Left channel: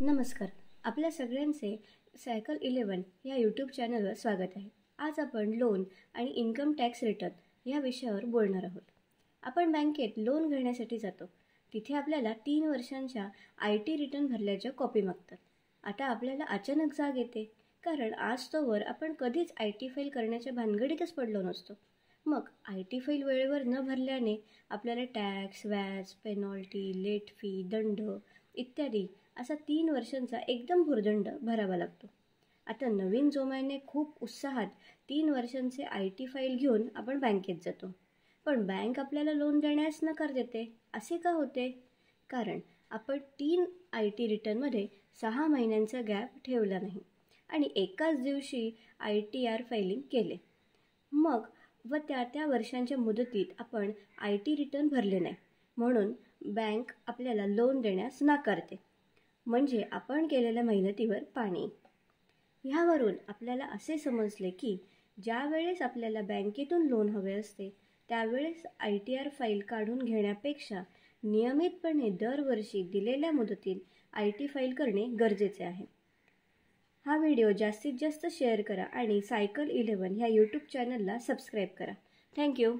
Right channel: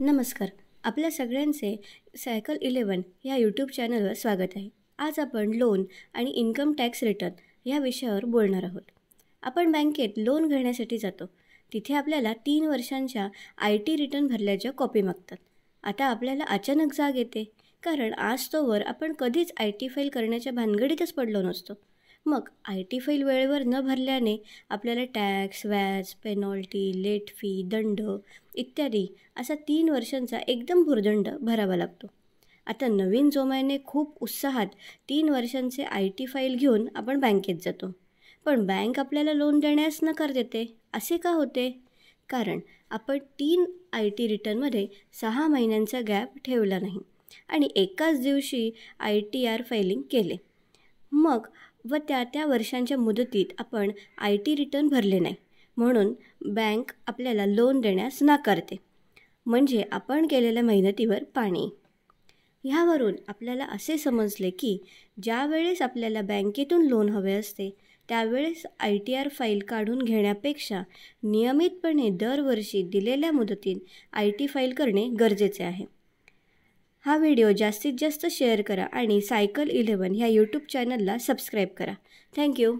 नमस्कार. आपल्या सगळ्यांचे सायकल 11 या यूट्यूब चॅनलवर स्वागत आहे. आज आपण लोन आणि इन्कम टॅक्स रिटर्न या विषयावर बोलणार आहोत. आपण बँकेत लोन घेण्यासाठी जातो. तिथे आपल्याला 3 वर्षांच्या IT रिटर्न भरल्याच्या कॉपी मागतात. आता आपल्याला अचानक जाग येते, कारण आज तोवर आपण कधीच IT फाईल करण्याच्या भानगडीतच पडलो नसतो. मग IT फाईल वेळेवर न भरल्याने आपल्याला टॅक्स, व्याज, पेनॉल्टी, लेट फी, दंड इत्यादी असा 3 वर्षांचा एकदम भुर्दंड भरावा लागतो. आता नवीन जोमाने खूप उत्साहात 3 वर्षांचे IT फाईल घेऊन आपण बँकेत जातो. पण बँक आपल्याला लोन देण्यास नकार देते. असे का होते? कारण आपण 3 IT रिटर्नमध्ये 6 महिन्यांचा गॅप ठेवला नाही आणि एकाच दिवशी ITR फायलिंग केले. मग त्या वर्षांच्या मुदतीत आपण IT रिटर्न भरले नाही, म्हणून बँक आपल्याला लोन देण्यास नाकारते. म्हणजे आपण केलेल्या मेहनतीवर पाणी. ह्यावरून आपल्याला असे समजले की ज्या वेळेस आपल्याला बँकेतून लोन हवे असते त्यावेळेस ITR फाईल काढून घेण्यापेक्षा नियमितपणे दरवर्षी दिलेल्या मुदतीत IT फाईल करणे गरजेचे आहे. हा व्हिडिओ जास्तीत जास्त शेअर करा आणि सायकल 11 ह्या यूट्यूब चॅनलला सबस्क्राईब करा. थँक्यू.